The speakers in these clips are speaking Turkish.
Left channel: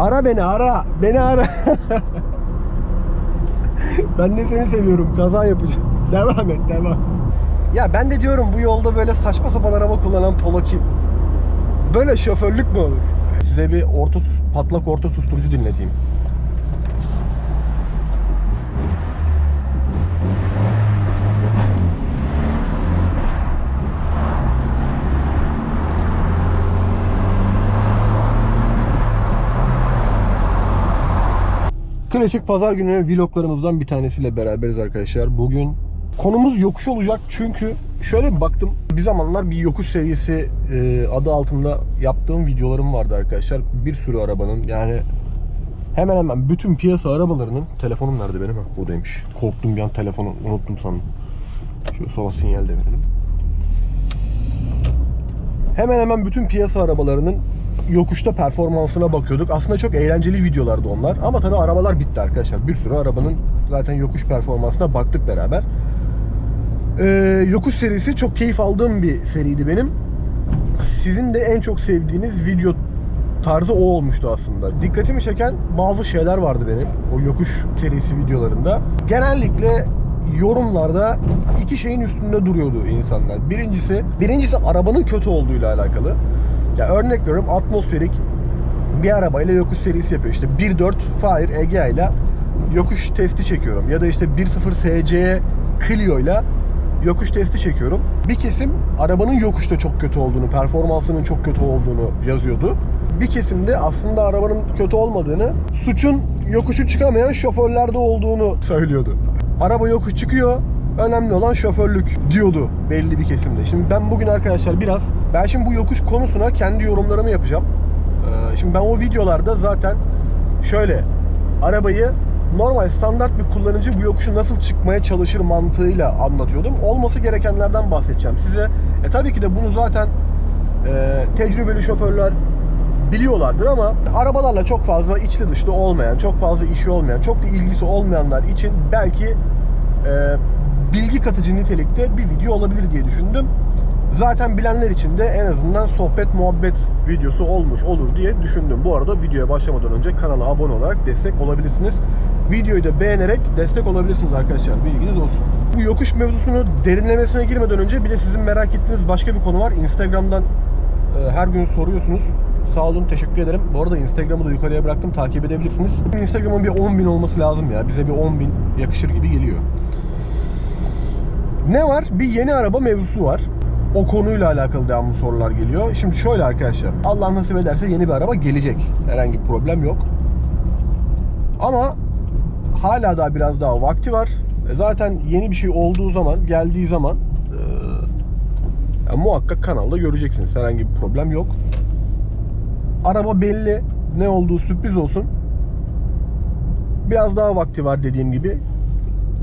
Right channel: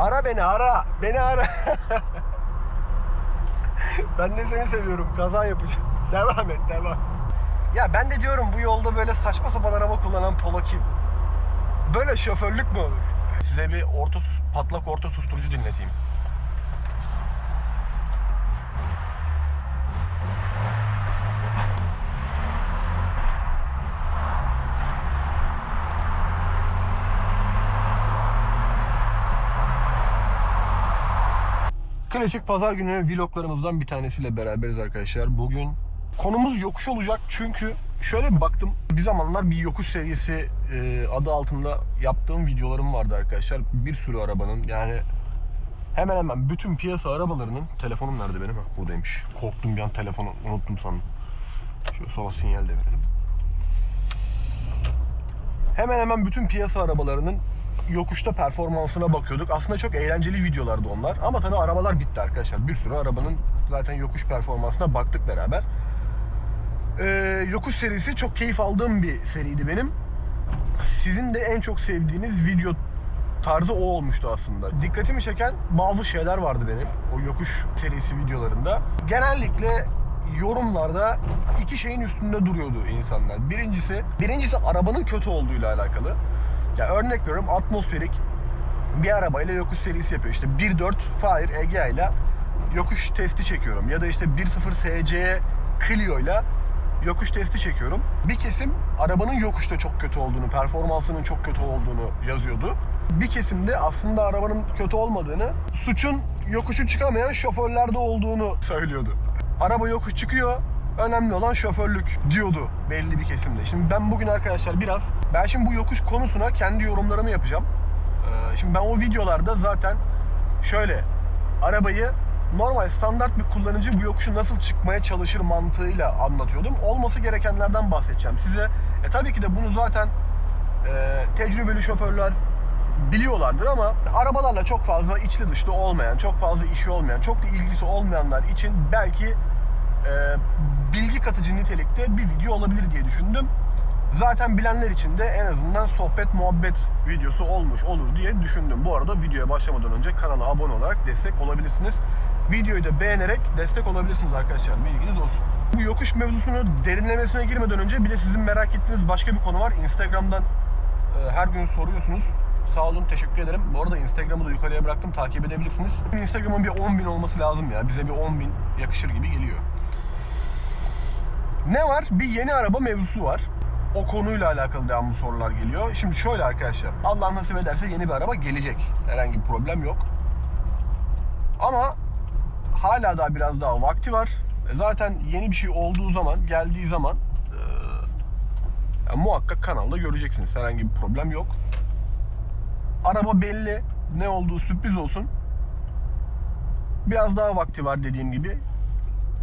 Ara beni ara. Beni ara. ben de seni seviyorum. Kaza yapacağım. Devam et devam. Ya ben de diyorum bu yolda böyle saçma sapan araba kullanan polo kim? Böyle şoförlük mü olur? Size bir orta patlak orta susturucu dinleteyim. Klasik pazar günü vloglarımızdan bir tanesiyle beraberiz arkadaşlar. Bugün konumuz yokuş olacak çünkü şöyle bir baktım. Bir zamanlar bir yokuş serisi e, adı altında yaptığım videolarım vardı arkadaşlar. Bir sürü arabanın yani hemen hemen bütün piyasa arabalarının telefonum nerede benim? Ha, buradaymış. Korktum bir an telefonu unuttum sandım. Şöyle sola sinyal de verelim. Hemen hemen bütün piyasa arabalarının yokuşta performansına bakıyorduk. Aslında çok eğlenceli videolardı onlar. Ama tabii arabalar bitti arkadaşlar. Bir sürü arabanın zaten yokuş performansına baktık beraber. Ee, yokuş serisi çok keyif aldığım bir seriydi benim. Sizin de en çok sevdiğiniz video tarzı o olmuştu aslında. Dikkatimi çeken bazı şeyler vardı benim o yokuş serisi videolarında. Genellikle yorumlarda iki şeyin üstünde duruyordu insanlar. Birincisi, birincisi arabanın kötü olduğuyla alakalı. Ya örnek veriyorum atmosferik bir arabayla yokuş serisi yapıyor. İşte 1.4 Fire Egea ile yokuş testi çekiyorum. Ya da işte 1.0 SC Clio ile yokuş testi çekiyorum. Bir kesim arabanın yokuşta çok kötü olduğunu, performansının çok kötü olduğunu yazıyordu. Bir kesim de aslında arabanın kötü olmadığını, suçun yokuşu çıkamayan şoförlerde olduğunu söylüyordu. Araba yokuş çıkıyor, önemli olan şoförlük diyordu belli bir kesimde. Şimdi ben bugün arkadaşlar biraz, ben şimdi bu yokuş konusuna kendi yorumlarımı yapacağım. Ee, Şimdi ben o videolarda zaten şöyle arabayı normal standart bir kullanıcı bu yokuşu nasıl çıkmaya çalışır mantığıyla anlatıyordum. Olması gerekenlerden bahsedeceğim size. E tabii ki de bunu zaten e, tecrübeli şoförler biliyorlardır ama arabalarla çok fazla içli dışlı olmayan, çok fazla işi olmayan, çok da ilgisi olmayanlar için belki e, bilgi katıcı nitelikte bir video olabilir diye düşündüm. Zaten bilenler için de en azından sohbet muhabbet videosu olmuş olur diye düşündüm. Bu arada videoya başlamadan önce kanala abone olarak destek olabilirsiniz. Videoyu da beğenerek destek olabilirsiniz arkadaşlar. Bilginiz olsun. Bu yokuş mevzusunu derinlemesine girmeden önce bir de sizin merak ettiğiniz başka bir konu var. Instagram'dan e, her gün soruyorsunuz. Sağ olun, teşekkür ederim. Bu arada Instagram'ı da yukarıya bıraktım, takip edebilirsiniz. Instagram'ın bir 10.000 olması lazım ya. Bize bir 10.000 yakışır gibi geliyor. Ne var? Bir yeni araba mevzusu var. O konuyla alakalı devamlı sorular geliyor. Şimdi şöyle arkadaşlar. Allah nasip ederse yeni bir araba gelecek. Herhangi bir problem yok. Ama hala daha biraz daha vakti var. E Zaten yeni bir şey olduğu zaman, geldiği zaman e, ya muhakkak kanalda göreceksiniz. Herhangi bir problem yok. Araba belli. Ne olduğu sürpriz olsun. Biraz daha vakti var dediğim gibi.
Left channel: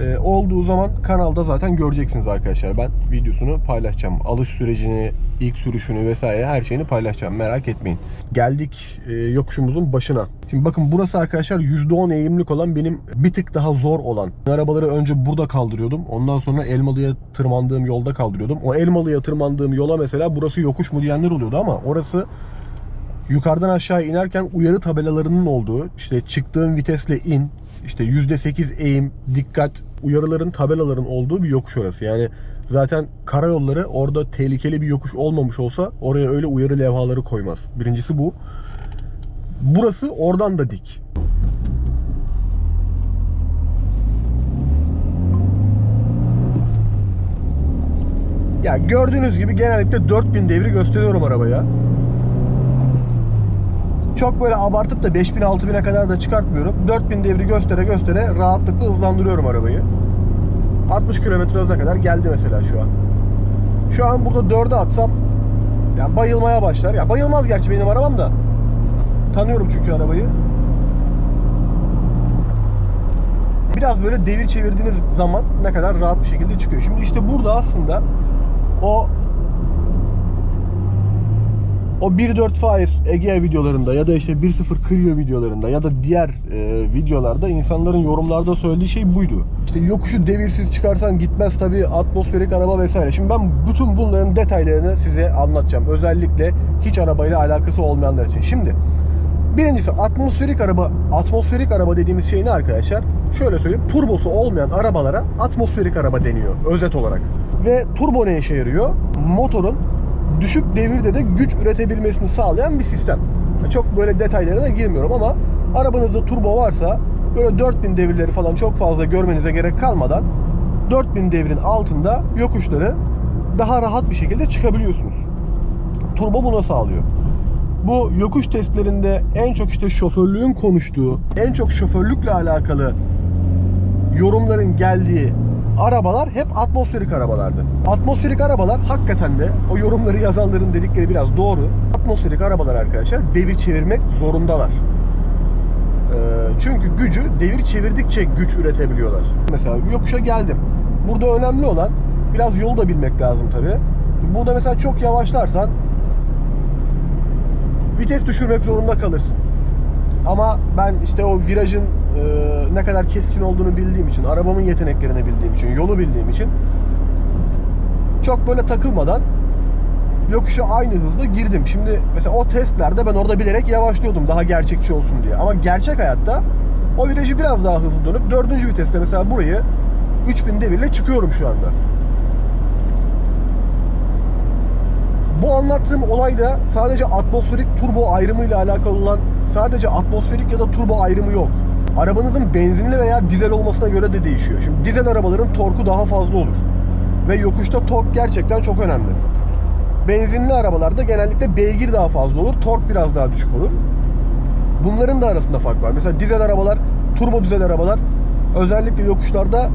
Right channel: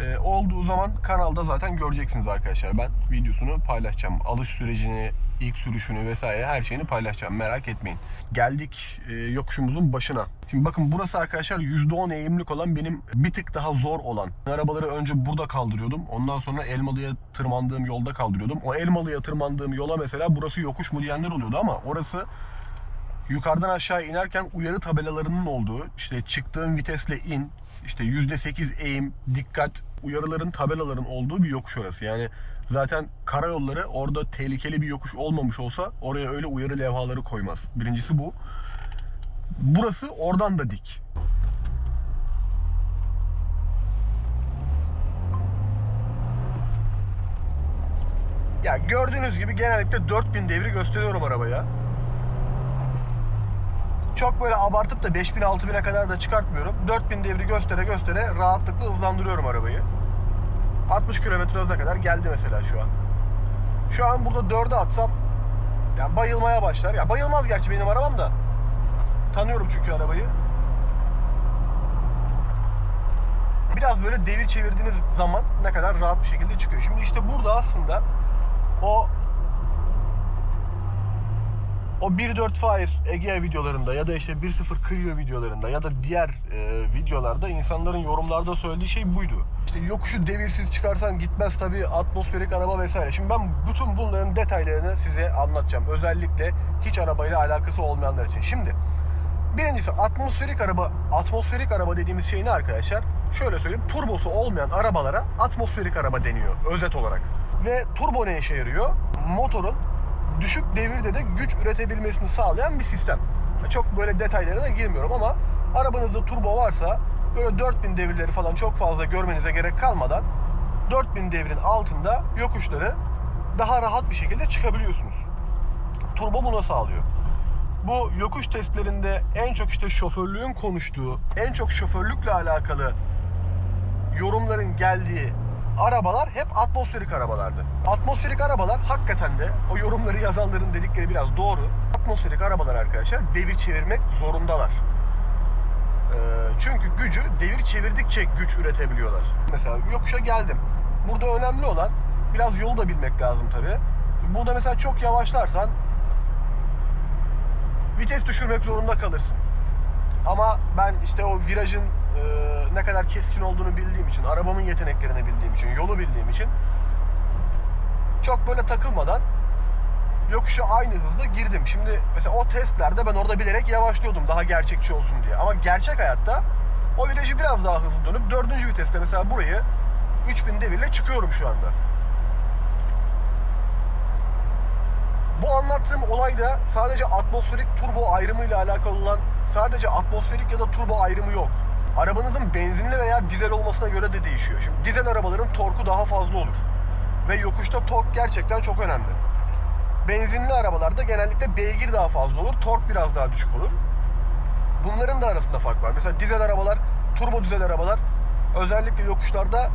Ee, olduğu zaman kanalda zaten göreceksiniz arkadaşlar. Ben videosunu paylaşacağım. Alış sürecini, ilk sürüşünü vesaire her şeyini paylaşacağım. Merak etmeyin. Geldik e, yokuşumuzun başına. Şimdi bakın burası arkadaşlar %10 eğimlik olan benim bir tık daha zor olan. Arabaları önce burada kaldırıyordum. Ondan sonra Elmalı'ya tırmandığım yolda kaldırıyordum. O Elmalı'ya tırmandığım yola mesela burası yokuş mu diyenler oluyordu ama orası yukarıdan aşağı inerken uyarı tabelalarının olduğu, işte çıktığın vitesle in, işte %8 eğim, dikkat uyarıların, tabelaların olduğu bir yokuş orası. Yani zaten karayolları orada tehlikeli bir yokuş olmamış olsa oraya öyle uyarı levhaları koymaz. Birincisi bu. Burası oradan da dik. Ya gördüğünüz gibi genellikle 4000 devri gösteriyorum arabaya. Çok böyle abartıp da 5000 6000'e kadar da çıkartmıyorum. 4000 devri göstere göstere rahatlıkla hızlandırıyorum arabayı. 60 km hıza kadar geldi mesela şu an. Şu an burada 4'e atsam ya bayılmaya başlar. Ya bayılmaz gerçi benim arabam da. Tanıyorum çünkü arabayı. Biraz böyle devir çevirdiğiniz zaman ne kadar rahat bir şekilde çıkıyor. Şimdi işte burada aslında o o 1.4 Fire Egea videolarında ya da işte 1.0 Clio videolarında ya da diğer e, videolarda insanların yorumlarda söylediği şey buydu. İşte yokuşu devirsiz çıkarsan gitmez tabii atmosferik araba vesaire. Şimdi ben bütün bunların detaylarını size anlatacağım. Özellikle hiç arabayla alakası olmayanlar için. Şimdi Birincisi atmosferik araba, atmosferik araba dediğimiz şey ne arkadaşlar? Şöyle söyleyeyim, turbosu olmayan arabalara atmosferik araba deniyor özet olarak. Ve turbo ne işe yarıyor? Motorun düşük devirde de güç üretebilmesini sağlayan bir sistem. Çok böyle detaylarına girmiyorum ama arabanızda turbo varsa böyle 4000 devirleri falan çok fazla görmenize gerek kalmadan 4000 devrin altında yokuşları daha rahat bir şekilde çıkabiliyorsunuz. Turbo buna sağlıyor. Bu yokuş testlerinde en çok işte şoförlüğün konuştuğu, en çok şoförlükle alakalı yorumların geldiği arabalar hep atmosferik arabalardı. Atmosferik arabalar hakikaten de o yorumları yazanların dedikleri biraz doğru. Atmosferik arabalar arkadaşlar devir çevirmek zorundalar. Ee, çünkü gücü devir çevirdikçe güç üretebiliyorlar. Mesela yokuşa geldim. Burada önemli olan biraz yolu da bilmek lazım tabi. Burada mesela çok yavaşlarsan vites düşürmek zorunda kalırsın. Ama ben işte o virajın e, ne kadar keskin olduğunu bildiğim için, arabamın yeteneklerini bildiğim için, yolu bildiğim için çok böyle takılmadan yokuşa aynı hızda girdim. Şimdi mesela o testlerde ben orada bilerek yavaşlıyordum daha gerçekçi olsun diye. Ama gerçek hayatta o virajı biraz daha hızlı dönüp dördüncü viteste mesela burayı 3000 devirle çıkıyorum şu anda. Bu anlattığım olay da sadece atmosferik turbo ayrımı ile alakalı olan sadece atmosferik ya da turbo ayrımı yok. Arabanızın benzinli veya dizel olmasına göre de değişiyor. Şimdi dizel arabaların torku daha fazla olur. Ve yokuşta tork gerçekten çok önemli. Benzinli arabalarda genellikle beygir daha fazla olur, tork biraz daha düşük olur. Bunların da arasında fark var. Mesela dizel arabalar, turbo dizel arabalar özellikle yokuşlarda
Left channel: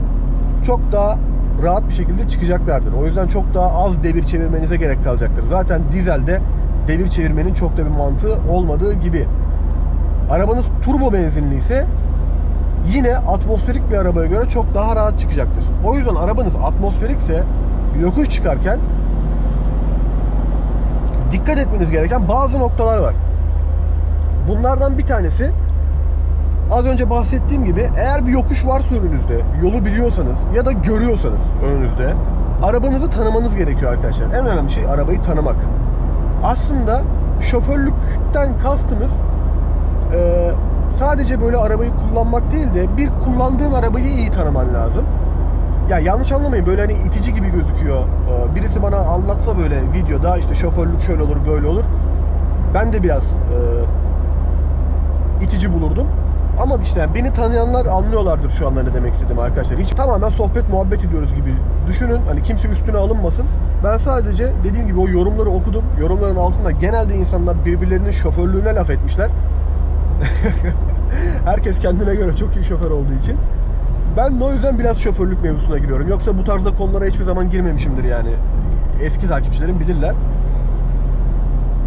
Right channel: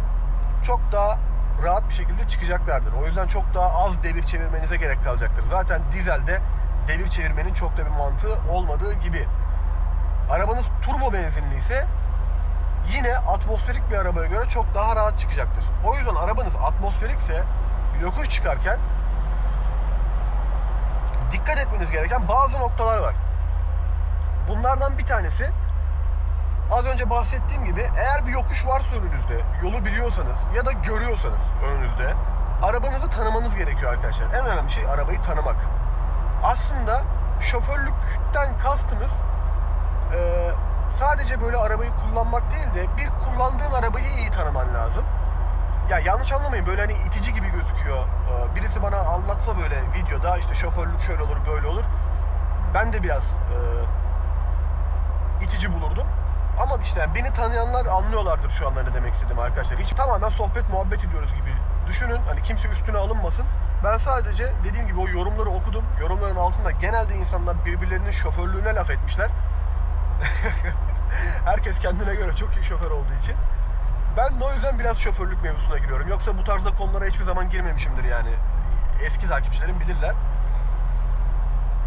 çok daha rahat bir şekilde çıkacaklardır. O yüzden çok daha az devir çevirmenize gerek kalacaktır. Zaten dizelde devir çevirmenin çok da bir mantığı olmadığı gibi. Arabanız turbo benzinli ise yine atmosferik bir arabaya göre çok daha rahat çıkacaktır. O yüzden arabanız atmosferikse yokuş çıkarken dikkat etmeniz gereken bazı noktalar var. Bunlardan bir tanesi az önce bahsettiğim gibi eğer bir yokuş varsa önünüzde, yolu biliyorsanız ya da görüyorsanız önünüzde arabanızı tanımanız gerekiyor arkadaşlar. En önemli şey arabayı tanımak. Aslında şoförlükten kastımız e, sadece böyle arabayı kullanmak değil de bir kullandığın arabayı iyi tanıman lazım. Ya yanlış anlamayın böyle hani itici gibi gözüküyor. Ee, Birisi bana anlatsa böyle videoda işte şoförlük şöyle olur böyle olur. Ben de biraz e, itici bulurdum. Ama işte beni tanıyanlar anlıyorlardır şu anda ne demek istediğimi arkadaşlar. Hiç tamamen sohbet muhabbet ediyoruz gibi düşünün. Hani kimse üstüne alınmasın. Ben sadece dediğim gibi o yorumları okudum. Yorumların altında genelde insanlar birbirlerinin şoförlüğüne laf etmişler. Herkes kendine göre çok iyi şoför olduğu için. Ben de o yüzden biraz şoförlük mevzusuna giriyorum. Yoksa bu tarzda konulara hiçbir zaman girmemişimdir yani. Eski takipçilerim bilirler.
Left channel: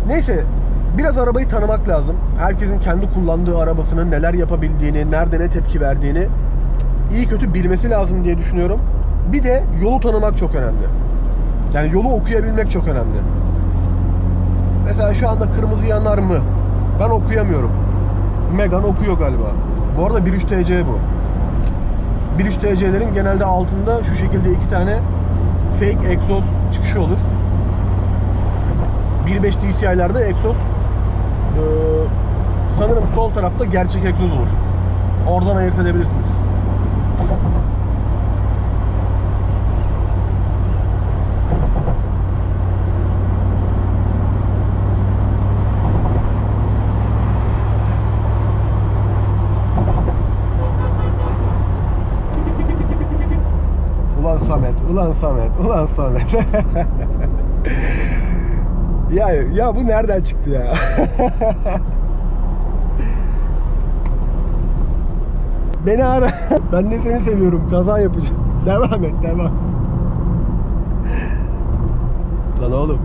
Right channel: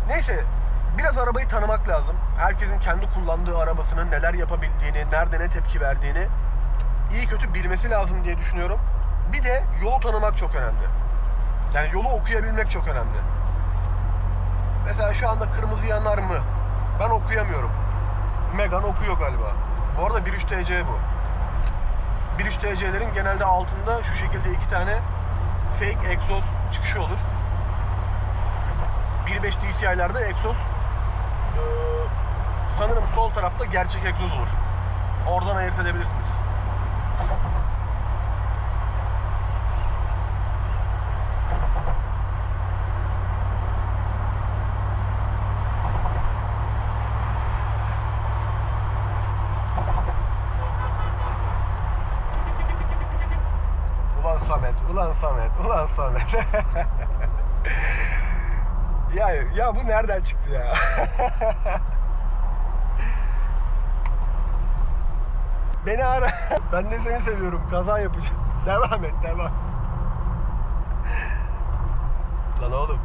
Neyse biraz arabayı tanımak lazım. Herkesin kendi kullandığı arabasının neler yapabildiğini, nerede ne tepki verdiğini iyi kötü bilmesi lazım diye düşünüyorum. Bir de yolu tanımak çok önemli. Yani yolu okuyabilmek çok önemli. Mesela şu anda kırmızı yanar mı? Ben okuyamıyorum. Megan okuyor galiba. Bu arada 1.3 TC bu. 1.3 TC'lerin genelde altında şu şekilde iki tane fake egzoz çıkışı olur. 1.5 DCI'lerde egzoz ee, sanırım sol tarafta gerçek egzoz olur. Oradan ayırt edebilirsiniz. Ulan Samet, ulan Samet, ulan Samet. ya ya bu nereden çıktı ya? Beni ara. Ben de seni seviyorum. Kaza yapacağım. Devam et, devam. Lan oğlum.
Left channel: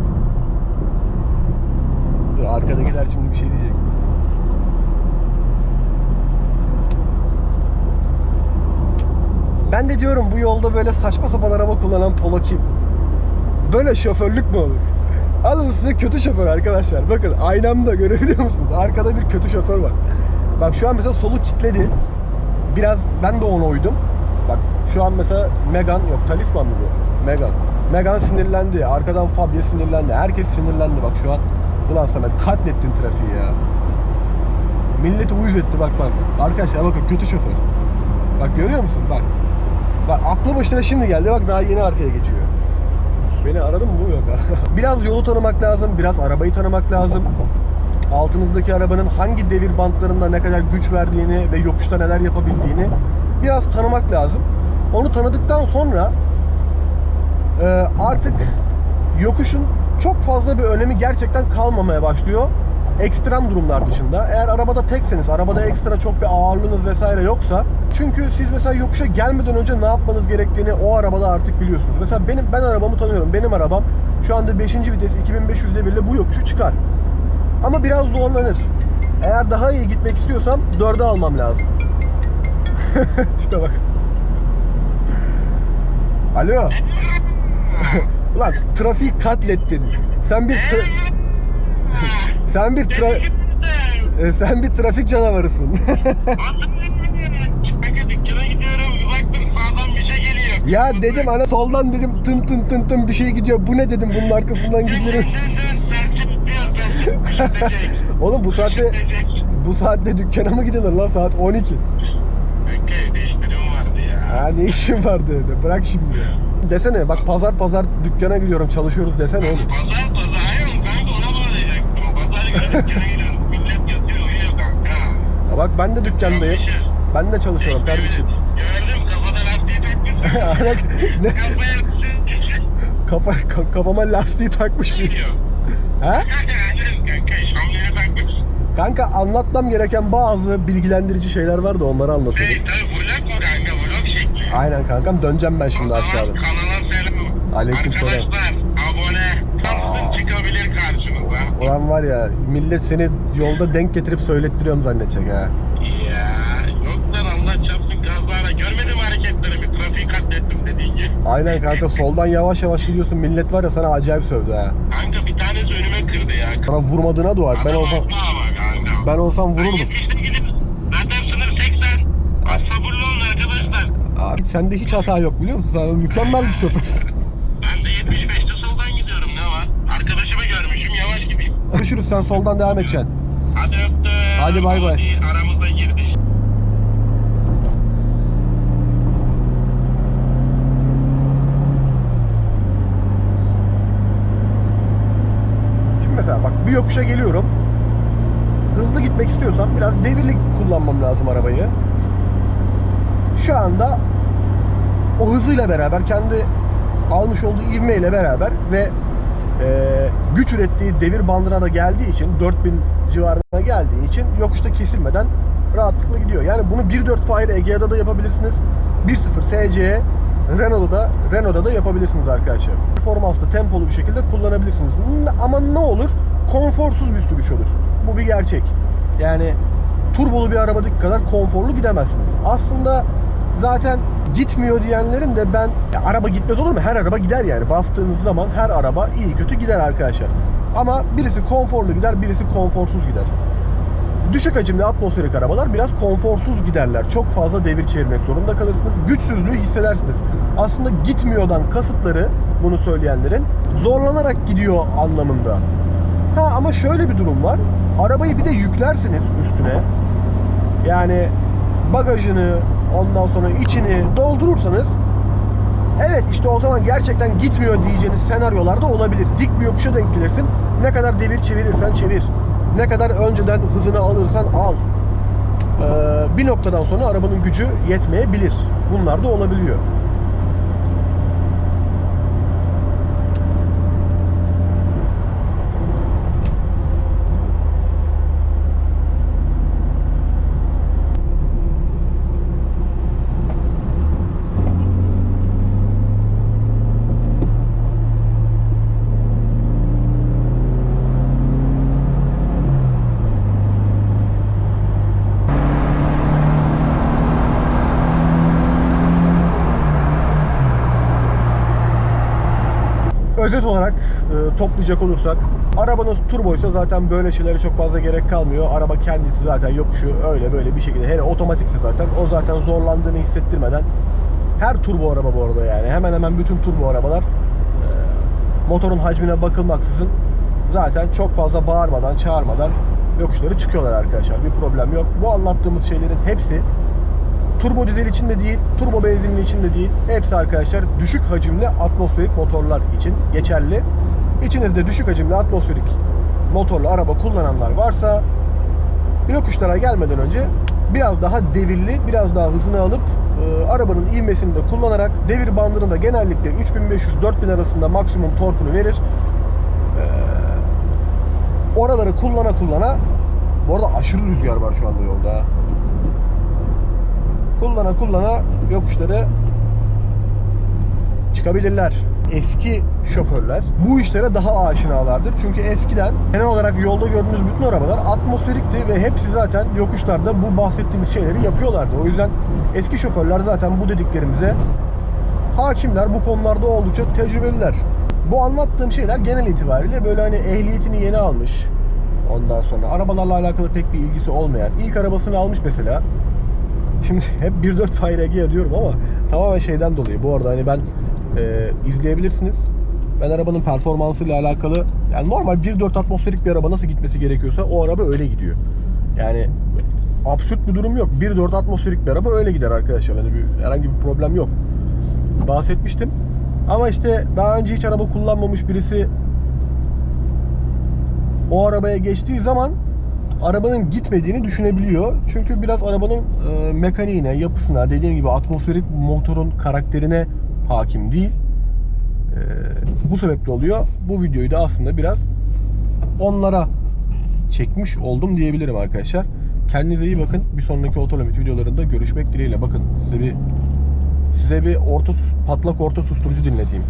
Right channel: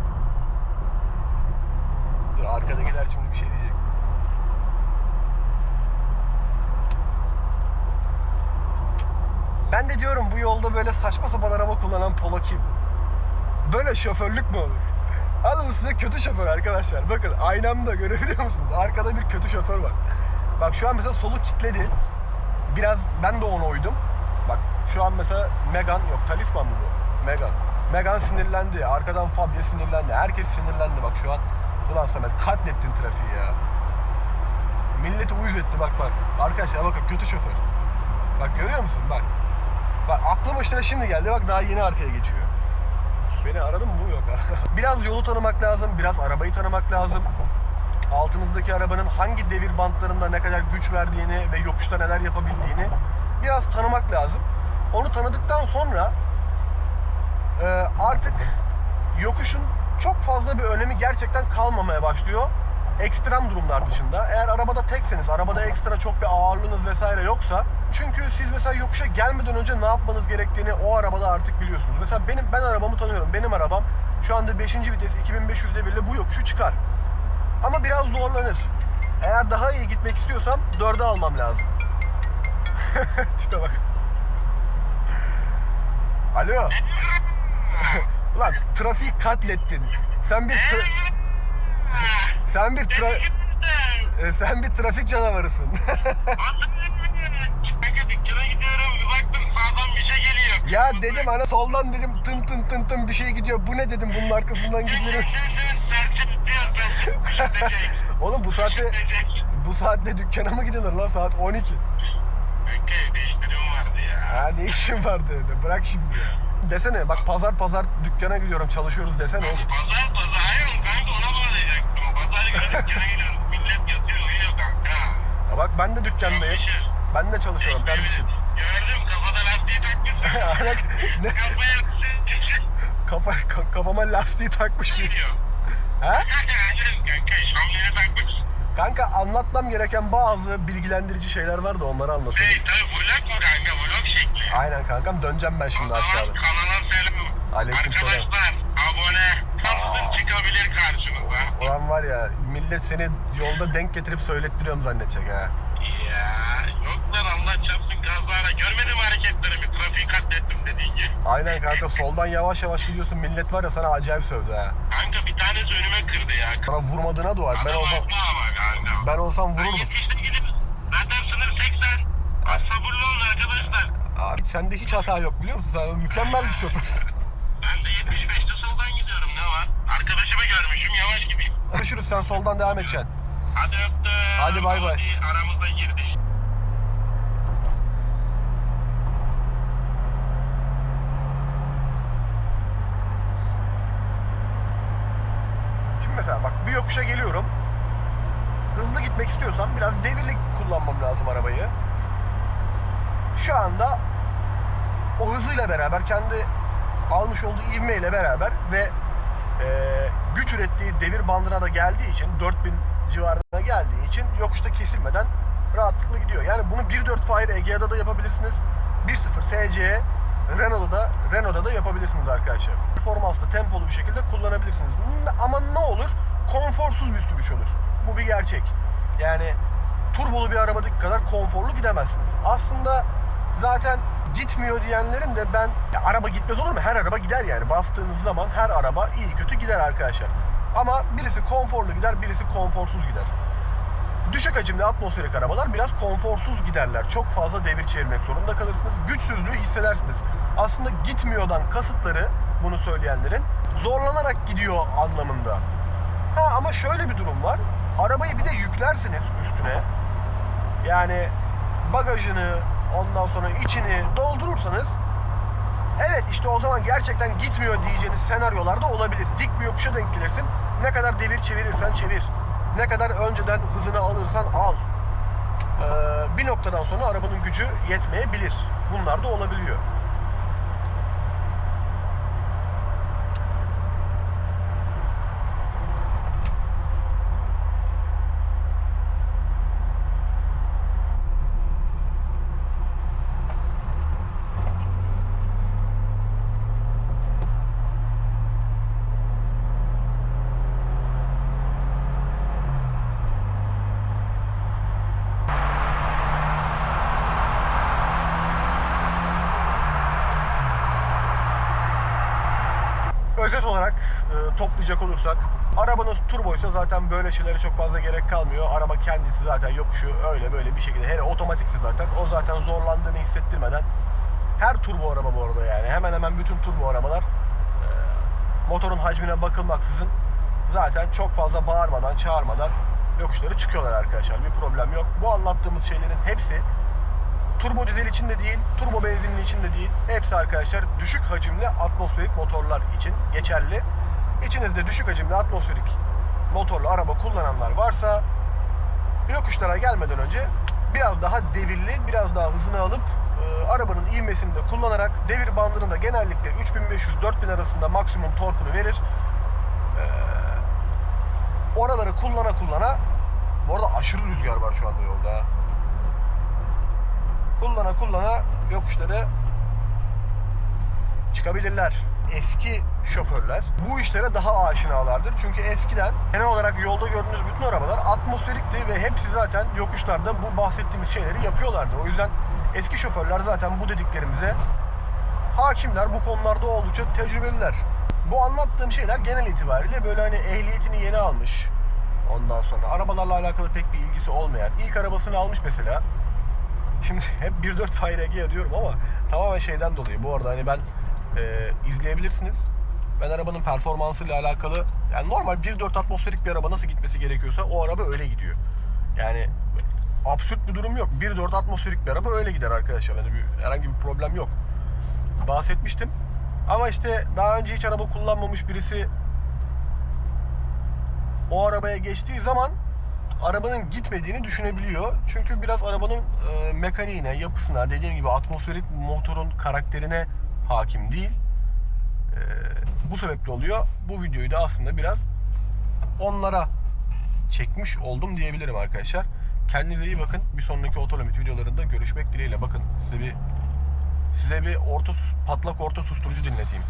Dur arkadakiler şimdi bir şey diyecek. Ben de diyorum bu yolda böyle saçma sapan araba kullanan polo kim? Böyle şoförlük mü olur? Alın size kötü şoför arkadaşlar. Bakın aynamda görebiliyor musunuz? Arkada bir kötü şoför var. Bak şu an mesela solu kilitledi. Biraz ben de ona uydum. Bak şu an mesela Megan yok Talisman mı bu? Megan. Megan sinirlendi. Arkadan Fabia sinirlendi. Herkes sinirlendi bak şu an. Ulan sana katlettin trafiği ya. Milleti uyuz etti bak bak. Arkadaşlar bakın kötü şoför. Bak görüyor musun? Bak. Bak aklı başına şimdi geldi. Bak daha yeni arkaya geçiyor. Beni aradın mı? Bu yok biraz yolu tanımak lazım. Biraz arabayı tanımak lazım. Altınızdaki arabanın hangi devir bantlarında ne kadar güç verdiğini ve yokuşta neler yapabildiğini biraz tanımak lazım. Onu tanıdıktan sonra e, artık yokuşun çok fazla bir önemi gerçekten kalmamaya başlıyor. Ekstrem durumlar dışında. Eğer arabada tekseniz, arabada ekstra çok bir ağırlığınız vesaire yoksa çünkü siz mesela yokuşa gelmeden önce ne yapmanız gerektiğini o arabada artık biliyorsunuz. Mesela benim ben arabamı tanıyorum. Benim arabam şu anda 5. vites 2500 devirle bu yokuşu çıkar. Ama biraz zorlanır. Eğer daha iyi gitmek istiyorsam 4'e almam lazım. Tipe bak. Alo. Ulan trafiği katlettin. Sen bir tra- sen bir tra- e, sen bir trafik canavarısın. Ya dedim ana soldan dedim tın tın tın tın bir şey gidiyor. Bu ne dedim bunun arkasından gidiyorum. Oğlum bu saatte bu saatte dükkana mı gidilir lan saat 12. Kanka evde işlerim vardı ya. Ha ne işin vardı de bırak şimdi ya. Desene bak pazar pazar dükkana gidiyorum çalışıyoruz desene oğlum. Pazar pazar dükkana gidiyorum. Millet yatıyor uyuyor kanka. Ya bak ben de dükkandayım. Ben de çalışıyorum kardeşim. Gördüm kafada lastiği takmışsın. Ne? Kafa, ka- kafama lastiği takmış bir. Ha? Kanka anlatmam gereken bazı bilgilendirici şeyler var da onları anlatıyorum. Hey tabi vlog mu kanka vlog şekli. Aynen kankam döneceğim ben şimdi aşağıda. Kanala selam. Aleykümselam. Arkadaşlar Ulan var ya millet seni yolda denk getirip söylettiriyorum zannedecek ha. Ya yok lan Allah çarpsın kazara. Görmedim hareketlerimi. Trafiği katlettim dediğin gibi. Aynen kanka soldan yavaş yavaş gidiyorsun millet var ya sana acayip sövdü ha. Kanka bir tanesi önüme kırdı ya. Sana vurmadığına dua et. Ben Adam olsam haklı ama kanka. ben olsam vururdum. yetiştim gidip. Zaten sınır 80. Az sabırlı olun arkadaşlar. Abi sende hiç hata yok biliyor musun? Sen mükemmel bir şoförsün. Ben de 75'te soldan gidiyorum ne var? Arkadaşımı görmüşüm yavaş gideyim. Görüşürüz sen soldan devam edeceksin. Hadi öptüm. Hadi bay bay. Hadi Aramıza girdi. Şimdi mesela bak bir yokuşa geliyorum. Hızlı gitmek istiyorsam biraz devirli kullanmam lazım arabayı. Şu anda o hızıyla beraber kendi almış olduğu ivmeyle beraber ve e, güç ürettiği devir bandına da geldiği için 4000 civarına geldiği için yokuşta kesilmeden rahatlıkla gidiyor. Yani bunu 1.4 Fire Egea'da da yapabilirsiniz. 1.0 SC Renault'da da Renault'da da yapabilirsiniz arkadaşlar. Performanslı, tempolu bir şekilde kullanabilirsiniz. Ama ne olur? Konforsuz bir sürüş olur. Bu bir gerçek. Yani turbolu bir arabadaki kadar konforlu gidemezsiniz. Aslında zaten gitmiyor diyenlerin de ben ya araba gitmez olur mu? Her araba gider yani. Bastığınız zaman her araba iyi kötü gider arkadaşlar. Ama birisi konforlu gider, birisi konforsuz gider. Düşük hacimli atmosferik arabalar biraz konforsuz giderler. Çok fazla devir çevirmek zorunda kalırsınız. Güçsüzlüğü hissedersiniz. Aslında gitmiyordan kasıtları bunu söyleyenlerin zorlanarak gidiyor anlamında. Ha ama şöyle bir durum var. Arabayı bir de yüklersiniz üstüne. Yani bagajını ondan sonra içini doldurursanız Evet işte o zaman gerçekten gitmiyor diyeceğiniz senaryolar da olabilir. Dik bir yokuşa denk gelirsin. Ne kadar devir çevirirsen çevir. Ne kadar önceden hızını alırsan al. Ee, bir noktadan sonra arabanın gücü yetmeyebilir. Bunlar da olabiliyor. Özet olarak e, toplayacak olursak arabanız turboysa zaten böyle şeylere çok fazla gerek kalmıyor. Araba kendisi zaten yokuşu öyle böyle bir şekilde hele otomatikse zaten o zaten zorlandığını hissettirmeden her turbo araba bu arada yani hemen hemen bütün turbo arabalar e, motorun hacmine bakılmaksızın zaten çok fazla bağırmadan çağırmadan yokuşları çıkıyorlar arkadaşlar. Bir problem yok. Bu anlattığımız şeylerin hepsi turbo dizel için de değil, turbo benzinli için de değil. Hepsi arkadaşlar düşük hacimli atmosferik motorlar için geçerli. İçinizde düşük hacimli atmosferik motorlu araba kullananlar varsa yokuşlara gelmeden önce biraz daha devirli, biraz daha hızını alıp e, arabanın ivmesini de kullanarak devir bandının da genellikle 3500-4000 arasında maksimum torkunu verir. E, oraları kullana kullana bu arada aşırı rüzgar var şu anda yolda. Kullana kullana yokuşları çıkabilirler. Eski şoförler bu işlere daha aşinalardır. Çünkü eskiden genel olarak yolda gördüğünüz bütün arabalar atmosferikti ve hepsi zaten yokuşlarda bu bahsettiğimiz şeyleri yapıyorlardı. O yüzden eski şoförler zaten bu dediklerimize hakimler. Bu konularda oldukça tecrübeliler. Bu anlattığım şeyler genel itibariyle böyle hani ehliyetini yeni almış. Ondan sonra arabalarla alakalı pek bir ilgisi olmayan. ilk arabasını almış mesela. Şimdi hep 1.4 Fire diyorum ama tamamen şeyden dolayı. Bu arada hani ben e, izleyebilirsiniz. Ben arabanın performansıyla alakalı yani normal 1.4 atmosferik bir araba nasıl gitmesi gerekiyorsa o araba öyle gidiyor. Yani absürt bir durum yok. 1.4 atmosferik bir araba öyle gider arkadaşlar. Hani bir, herhangi bir problem yok. Bahsetmiştim. Ama işte daha önce hiç araba kullanmamış birisi o arabaya geçtiği zaman arabanın gitmediğini düşünebiliyor. Çünkü biraz arabanın e, mekaniğine, yapısına, dediğim gibi atmosferik motorun karakterine hakim değil. E, bu sebeple oluyor. Bu videoyu da aslında biraz onlara çekmiş oldum diyebilirim arkadaşlar. Kendinize iyi bakın. Bir sonraki otolimit videolarında görüşmek dileğiyle. Bakın size bir size bir orta patlak orta susturucu dinleteyim.